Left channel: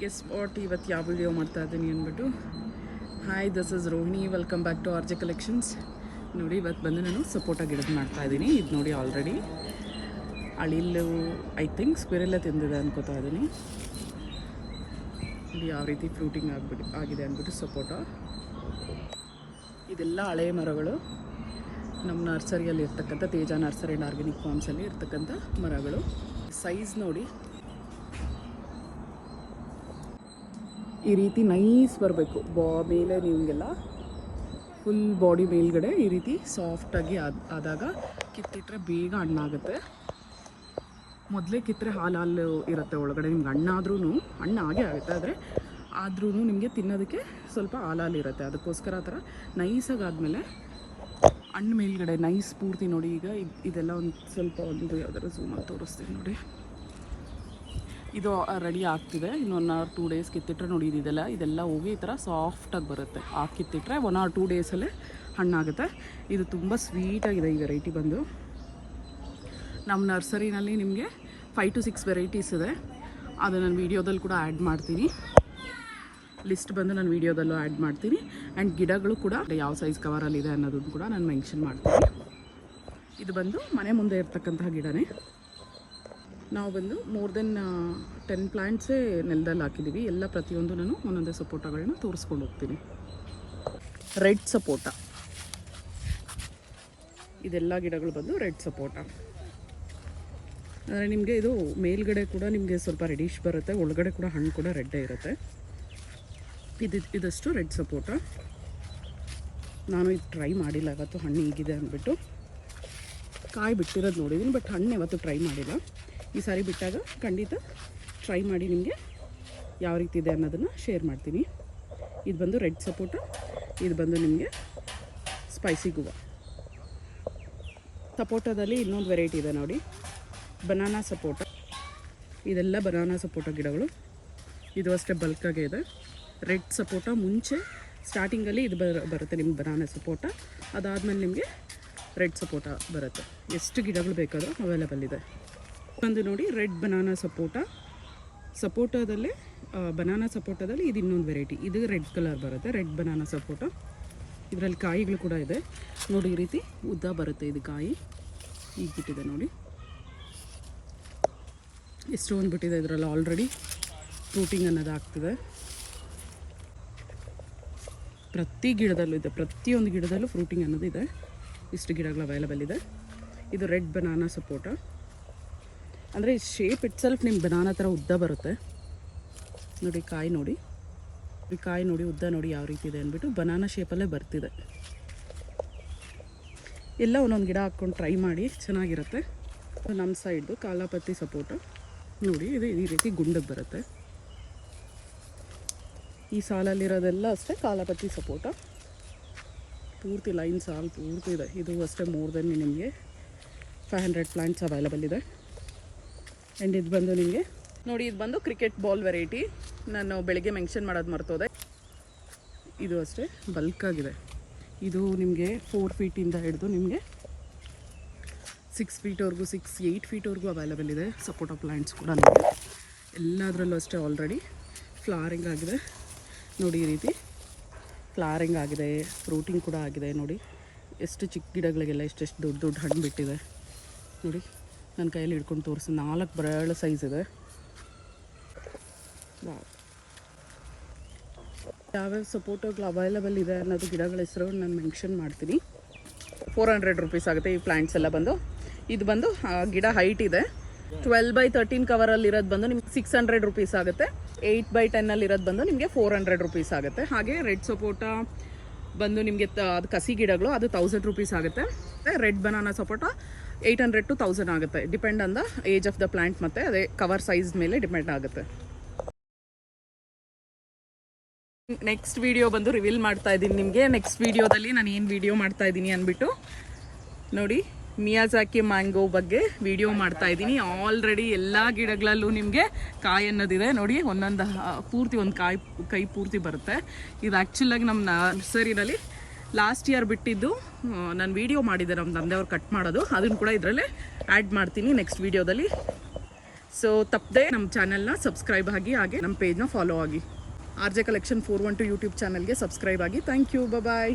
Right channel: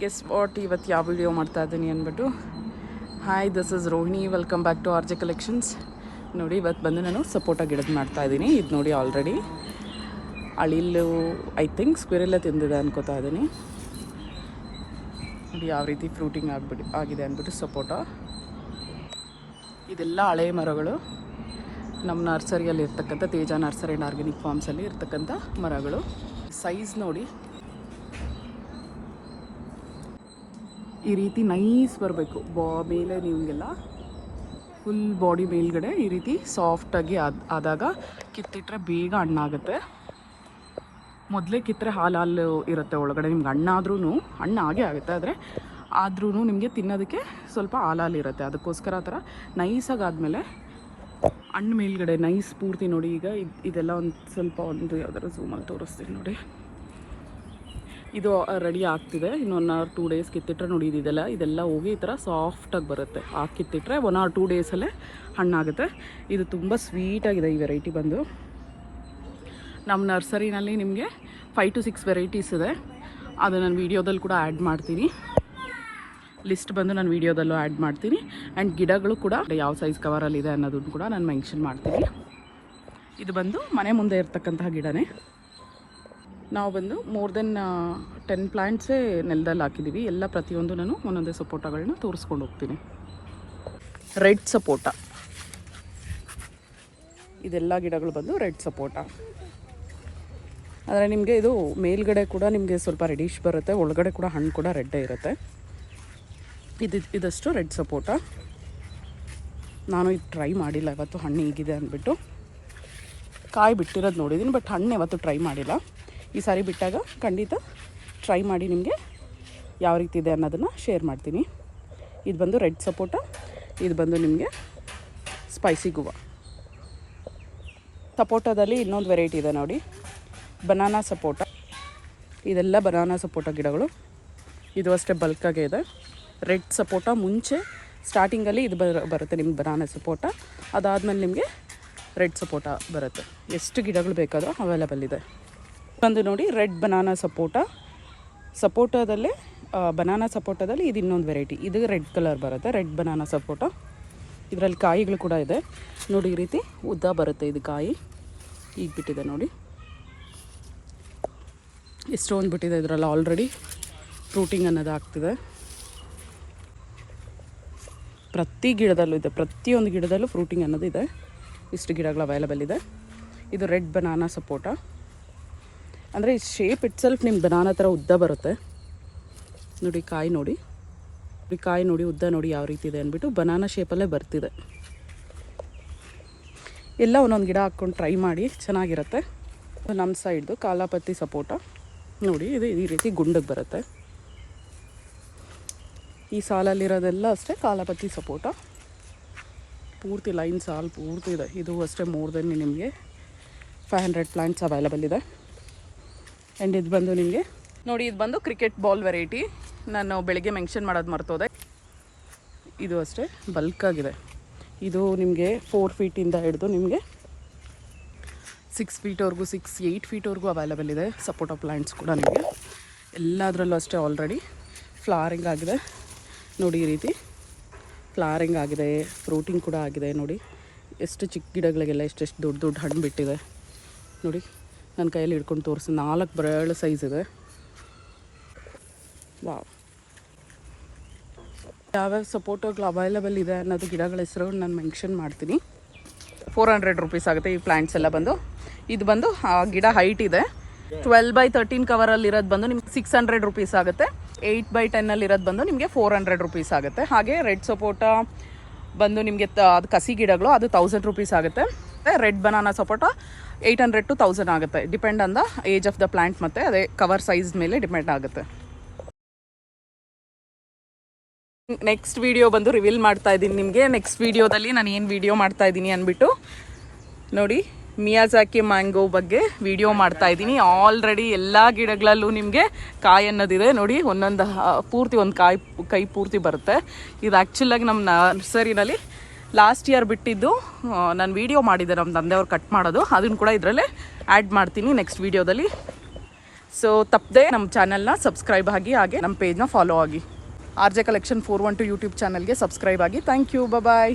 Guess what ಇವತ್ತು ಯಾವ video ಮಾಡ್ತಾ ಇದ್ದೀನಿ ಅಂದ್ಬಿಟ್ಟು. Hi, this is Rohini, welcome back to RJ collections. ನೋಡಿ, ಇವತ್ತು ಬಂದು ನಾನು ಸಪೋಟ ಗಿಡದ ಮಾಡ್ತಾಯಿದ್ದೀನಿ. ಇದು ನೋಡಿ, ಆಲ್ರೆಡಿ ಅಳಿಲು ಐ ಥಿಂಕ್ ಸ್ಕ್ವಿರೆಲ್ಲ ತಿಂದಿದೆ ಅನ್ಕೋತಾ ಇದ್ದೀನಿ. ನೋಡಿ ಯಾವ ರೀತಿ ಫ್ರೂಟಿಂಗ್ ಆಗಿದೆ ಅಂದ್ಬಿಟ್ಟು ಸಪೋಟ. ಇದೆಲ್ಲ ಹಳೆ ಮರಗಳು, ನಮ್ಮ ನರ್ಸರಿಯಲ್ಲಿ ಇರ್ತಕ್ಕಂಥ ತೇಜ ನರ್ಸರಿ ಆ್ಯಂಡ್ ಆರ್ಗ್ಯಾನಿಕ್ ಫಾರ್ಮ್ಸಲ್ಲಿ ಇರ್ತಕ್ಕಂಥ ಮರಗಳು. ಸೈಜ್ ನೋಡಿ, ಈ ರೀತಿ ನೈಸ್ ಬರಬೇಕು. ಮೇಲೆ ನಿಮಗೆಲ್ಲ ಫುಲ್ ಬಾಡಿ ಮೇಲ್ಗಡೆ ಈ ರೀತಿ ಸಾಫ್ಟಾಗಿ ಆದಾಗ ಕಿತ್ತಿಟ್ರೆ ಬೇಗ ಹಣ್ಣಾಗುತ್ತೆ. ಮೊದಲೇ ಕಿತ್ತರೆ ಹಾಲು ಇರುತ್ತೆ ಒಳಗಡೆ. ನಿಮ್ಗೆ ಹಣ್ಣಾದ್ರೂ ಹಣ್ಣು ಹಾಗೆ ಆಗುತ್ತೆ, ಆದರೆ ಆದ್ರೂ ನಿಮಗೆ ತಿನ್ನೋದಕ್ಕೆ ಸ್ವಲ್ಪ ಹಾಲು ಇರುತ್ತೆ. ಅದಕ್ಕೋಸ್ಕರ ಆ ಥರ ನೈಸಾಗಿ ಆದಮೇಲೆ ಹಣ್ಣು ಮೇಲ್ಗಡೆ ನೈಸ್ ಪೂರ್ತಿ ನೋಡಿ. ಈಗ ಇದೆಲ್ಲ ಒಂದು ಯಾವ್ದಾದ್ರು ಝೂಮಲ್ಲಿ ತೋರಿಸ್ತೀನಿ ನೋಡಿ. ಇದು ರೆಡಿ ಆಗ್ತಿದೆ. ಇನ್ನೊಂದು 1 or 2 days ಕಿತ್ತಿಟ್ರೆ ನೋಡಿ, ಇದೆಲ್ಲ ಹೋಗಿ ಈ ಥರ ಸಾಫ್ಟಾಗಿ ಬರುತ್ತೆ. ಕಿತ್ತಿಟ್ರೆ 1 or 2 daysಲ್ಲೇ ಹಣ್ಣಾಗುತ್ತೆ. ಇದು ತುಂಬ ಸ್ವೀಟಾಗಿದೆ ಈ ವೆರೈಟಿ ಬಂದು. ನಮ್ಮ ನರ್ಸರಿನಲ್ಲಿ ನಿಮಗೆ 5 to 6 ವೆರೈಟೀಸ್ ಇದೆ. ಅದು ನಾನು ವೀಡಿಯೋದಲ್ಲಿ ಕೂಡ ಆ್ಯಡ್ ಮಾಡ್ತೀನಿ. ಲಿಸ್ಟ್ ಬಂದು ನಾನು ವೀಡಿಯೋದಲ್ಲೂ ಆ್ಯಡ್ ಮಾಡ್ತೀನಿ. ಆ್ಯಂಡ್ ಗಿಡಗಳು ಕೂಡ ಯಾವ ಸೈಜ್ ಕವರಲ್ಲಿದೆ ಅನ್ನೋದನ್ನು ಕೂಡ ನಾನು ಮೆನ್ಷನ್ ಮಾಡ್ತೀನಿ. ಇದು ಬಂದು ಮನೆ ಮುಂದೆ ಇರ್ತಕ್ಕಂತಹ ಗಿಡನೇ. ನಾವು ಬಂದು ಮೋರ್ ದೆನ್ 10 ಪ್ಲ್ಯಾಂಟ್ಸೇ ನೆಲದಲ್ಲಿ ಹಾಕಿದ್ದೀವಿ. ಎಲ್ಲ ಪ್ರತಿಯೊಂದು ನಾನು ಒಂದೊಂದೇ ಸಪೋಟಗಳನ್ನ ತೋರಿಸ್ಕೊಂಡು ಹೋಗ್ತೀನಿ. ರೆಡ್ ಸಪೋಟ, ಇದೆಲ್ಲ ಗಿಡಗಳು ಬಂದು ರೆಡ್ ಸಪೋಟ. ಆದರೆ ನಿಮಗೆ ಇದು ಮೇಲ್ಗಡೆ ಕೂಡ ನಿಮಗೆ ಸ್ವಲ್ಪ ರೆಡಿಶ್ ಬರುತ್ತೆ, ಒಳಗಡೆ ಕೂಡ ಹಣ್ಣು ಕೂಡ ರೆಡ್ಡೇ ಇರುತ್ತೆ. ಇದಷ್ಟು ರೆಡ್ ಸಪೋಟ. ನಾನು ಇದು ಟ್ರೈ ಮಾಡಿಲ್ಲ ಇವತ್ತು, ಹಣ್ಣು ಹೀಗಿದೆ ಅಂದ್ಬಿಟ್ಟು. ಕಾಯಿ ಬಿಟ್ಟಿರೋದು ನೋಡಿದ್ದೀನಿ, ಬಟ್ ಹಣ್ಣು ಯಾವತ್ತು ಟ್ರೈ ಮಾಡಿಲ್ಲ. ಈ ಸಾರಿ ಬಿಟ್ಟಾಗ ಖಂಡಿತ ಟ್ರೈ ಮಾಡಿ ನಿಮಗೆ ಯಾವ ರೀತಿ ಇದೆ ಅನ್ನೋದನ್ನು ಶೇರ್ ಮಾಡ್ತೀನಿ. ಇದು ಬಂದು ರೆಡ್ ಸಪೋಟ, ಇದು ಬಂದು ನಿಮಗೆ ಸ್ಪೈಸಿ ಗುವಾ. ಸಪೋಟದಲ್ಲಿ ಇನ್ನೊಂದು ವೆರೈಟಿ ಇದೆ ನೋಡಿ, ಬನಾನಾ ಸಪೋಟ. ಇದೆಲ್ಲ ಬನಾನಾ ಸಪೋಟ ಗಿಡಗಳು. ಇದು ಅಷ್ಟೇ ಬಲ್ಕಾಗೆ ಇದೆ. ರೆಡ್ ಸಪೋಟ ಮುಂಚೆ ಸ್ಟಾರ್ಟಿಂಗಲ್ಲಿ ಇದು ಬರುತ್ತೆ ನಿಮ್ಗೆ ಬನಾನಾ ಸಪೋಟ. ಅದಾದಮೇಲೆ ನಿಮಗೆ ರೆಡ್ ಸಪೋಟ ಬರುತ್ತೆ. ಎಷ್ಟು ಗಿಡಗಳು ಬೇಕಾದರೂ ಅವೈಲೇಬಲ್ ಇದೆ. ಬಂದು ನೋಡಿ, ರೆಡ್ ಬನಾನಾ ಸಪೋಟದಲ್ಲೇ ಬನಾನಾ ಸಪೋಟದಲ್ಲಿ ಇದು ಇನ್ನೊಂದು ವೆರೈಟಿ. ಇದು ರೆಡ್ ಕಲರ್ ಬರುತ್ತೆ, ರೆಡ್ ಬನಾನಾ ಸಪೋಟ. ಇದರಲ್ಲಿ ಕಾಯಿಗಳು ಕೂಡ ಇದೆ ನೋಡಿ. ಈ ರೀತಿ ಉದ್ದ ಬರುತ್ತೆ ಇದು ಕಾಯಿ. ಈಗ ಬಿಟ್ಟಿದೆ ನೋಡಿ, ಎಷ್ಟೊಂದು ಬಿಟ್ಟಿದೆ. ಇದರಲ್ಲಿ ಆಲ್ರೆಡಿ ಫ್ರೂಟಿಂಗ್ ಅನ್ನೋದು ಆಗ್ತಿದೆ. ಪ್ರತಿ ಗಿಡದಲ್ಲೂ ಇದೆ, ಪ್ರತಿಯೊಂದು ಗಿಡದಲ್ಲೂ ಫ್ರೂಟಿಂಗ್ ಅನ್ನೋದು ಇದೆ. ಇಷ್ಟು ಗಿಡಗಳು ಅವೈಲೇಬಲ್ ಇದೆ. ಇದು ರೆಡ್ ಬನಾನಾ ಸಪೋಟ. ಅಂದರೆ ಶೇಪ್ ಇಟ್ಸೆಲ್ಫ್ ನಿಮ್ಮ ಬನಾನಾ ಥರ ಉದ್ದ ಬರುತ್ತೆ ನೋಡಿ. ಕಾಯಿ ನೋಡಿ, ಉದ್ದ ನೋಡಿ ಯಾವ ರೀತಿ ಇದೆ ಅಂದ್ಬಿಟ್ಟು ಬನಾನಾ ಶೇಪಲ್ಲೇ ಬರ್ತಿದೆ. ಎಲ್ಲ ಒಂದೊಂದು ಗಿಡ ಹಾಕ್ಕೊಂಡು ಟ್ರೈ ಮಾಡಿ, ಚೆನ್ನಾಗಿರುತ್ತೆ. ನಮ್ಮ ಸೈಡ್ದು ಕಾಲಾಪತಿ ಸಪೋಟ ನೋಡಿ, ಇದು ಈ ರೀತಿ ಗುಂಡಿಗೆ ಬರುತ್ತೆ. ಈ ಸಾಲಲ್ಲಿರೋದೆಲ್ಲ ಅಷ್ಟೇ ಕಾಲಾಪತಿ ಸಪೋಟ. ಪೂರ್ತಿ ಲೈನ್ ಸಾಲು ಪೂರ್ತಿ ಇದೆ. ಇದು ಅಷ್ಟೇ ಮೋರ್ ದೆನ್ ನಿಮಗೆ 500 ಪ್ಲ್ಯಾಂಟ್ಸ್ ಅವೈಲೇಬಲ್ ಇದೆ. ಆ್ಯಂಡ್ ಇದು ಬಂದು ನಿಮಗೆ ನೋಡಿ, ಇದು ಬಂದು ಕ್ರಿಕೆಟ್ ಬಾಲ್ ವೆರೈಟಿ. ನಾನು ಬೆಳಿಗ್ಗೆ ಮೆನ್ಷನ್ ಮಾಡೋದು ಮರ್ತೋದೆ. ಇದು ಅಷ್ಟೇ ಬಲ್ಕಾಗಿದೆ. ಇದು ನಿಮಗೆ 4 ಫೀಟಿಂದ ಹಿಡಿದು ನಿಮಗೆ 6 ಫೀಟ್ವರೆಗೂ 8 ಫೀಟ್ವರೆಗೂ ಅವೈಲೇಬಲ್ ಇದೆ. ಸಪೋಟ ಪ್ಲ್ಯಾಂಟ್ಸ್ ಕೂಡ ನಿಮಗೆ ಎಲ್ಲದರಲ್ಲೂ ಅಷ್ಟೇ ಆಲ್ರೆಡಿ ಫ್ಲವರಿಂಗ್ ಆಗಿದೆ ನೋಡಿ. ಈ ರೀತಿ ಫ್ಲವರಿಂಗ್ ಆಗಿದೆ, ಫ್ರೂಟಿಂಗ್ ಕೂಡ ಆಗಿದೆ ನೋಡಿ. ಎಷ್ಟು ಚಿಕ್ಕ ಗಿಡಗಳಿಗೆಲ್ಲ ಎಷ್ಟೆಷ್ಟು ದೊಡ್ಡ ದೊಡ್ಡ ಹಣ್ಣು ಬಿಟ್ಟಿದೆ ನೋಡಿ. ನನ್ನ ಕೈಯಲ್ಲಿ ಹಿಡ್ಕೊಂಡು ತೋರಿಸಿ 4 ಬರಳು ಸೈಜ್ ಇದೆ. ವಾವ್, ಯಾವ್ಯಾವ ಸಪೋಟಗಳು ಅವೈಲೇಬಲ್ ಇದೆ ಅನ್ನೋದು ಗಿಡಗಳ ಹೆಸರು ನಾನು ಮೆನ್ಷನ್ ಮಾಡ್ತೀನಿ. 400 ರೂಪೀಸ್ ಆಗುತ್ತೆ ಈ ಪ್ಲ್ಯಾಂಟ್ಸ್ ಎಲ್ಲ ಬಂದು. ಇದು ಬಂದು ಗಿಡ ಹೈಟ್ ಇದೆ. 12x13 ಕವರಲ್ಲಿರೋದು ಬಂದು ನಿಮ್ಗೆ 600 ರೂಪೀಸ್ ಆಗುತ್ತೆ. 8x10 ಇರೋದು ಬಂದು ನಿಮಗೆ 400 ರೂಪೀಸ್ ಆಗುತ್ತೆ. ಹಾಗೆ ರೆಡ್ ಸಪೋಟ ಬಂದು ನಿಮಗೆ ಅದು ಕಸಿ ಗಿಡಗಳು, ಅದು 1000 ರೂಪೀಸ್ ಆಗುತ್ತೆ. ರೆಡ್ ಬನಾನಾ ಸಪೋಟ 800 to 1000 ಆಗುತ್ತೆ. Depend on the age of the plant ಮತ್ತು ಅದೇ ಕವರ್ ಸೈಜ್ ಮೇಲೆ ಡಿಪೆಂಡ್ ಆಗುತ್ತೆ. ನೆಕ್ಸ್ಟ್ ವಿಡಿಯೋ ಬಂದು ರಿವೀಲ್ ಮಾಡ್ತಾ ಇದ್ದೀನಿ ನಿಮಗೆ. ನೆಕ್ಸ್ಟ್ ವಿಡಿಯೋದಲ್ಲಿ ನಾನು ಏನು ವಿಡಿಯೋ ಮಾಡ್ತಾ ಇದ್ದೀನಿ ಅಂದ್ಬಿಟ್ಟು ನೋಡಿ, ಮಿಯಾಜಾಕಿ ಮ್ಯಾಂಗೋ ಬಗ್ಗೆ ವಿಡಿಯೋ ಮಾಡ್ತಾ ಇದ್ದೀನಿ. ಆಲ್ರೆಡಿ ಎಲ್ಲ ಗಿಡಗಳಲ್ಲೂ ನಿಮಗೆ ಕಾಯಿ ಅನ್ನೋದಿದೆ ನೋಡಿ. ಒಂದೊಂದು ಪೂರ್ತಿ ಒಂದು ಕೈ ಪೂರ್ತಿ ಬರುತ್ತೆ. ಇದು ಆ್ಯಕ್ಚುಲಾಗಿ ನಮ್ಮ ನರ್ಸರಿನಲ್ಲಿ ಲಾಸ್ಟ್ ಇಯರ್ ಬಿಟ್ಟಿದ್ದು ನಾನು ವಿಡಿಯೋ ಮಾಡಿದ್ದೆ, ನಮ್ಮ ತಂದೆಯವ್ರು ಕಟ್ ಮಾಡೋದು. ಅದನ್ನು ಕೂಡ ಇದರಲ್ಲೇ ಆ್ಯಡ್ ಮಾಡ್ತೀನಿ ನೆಕ್ಸ್ಟ್ ವಿಡಿಯೋದಲ್ಲಿ. ಸೊ ತಪ್ಪದೆ ನಮ್ಮ ಚಾನಲ್ನ ಸಬ್ಸ್ಕ್ರೈಬ್ ಆಗಿ ಹಾಗೆ ನಮ್ಮ ಪೇಜ್ನ ಫಾಲೋ ಆಗಿ. RJ Collection 412 ಯೂಟ್ಯೂಬ್ ಚಾನಲ್ಗೆ ಸಬ್ಸ್ಕ್ರೈಬ್ ಆಗಿ. Thank you. ಬಾಯ್.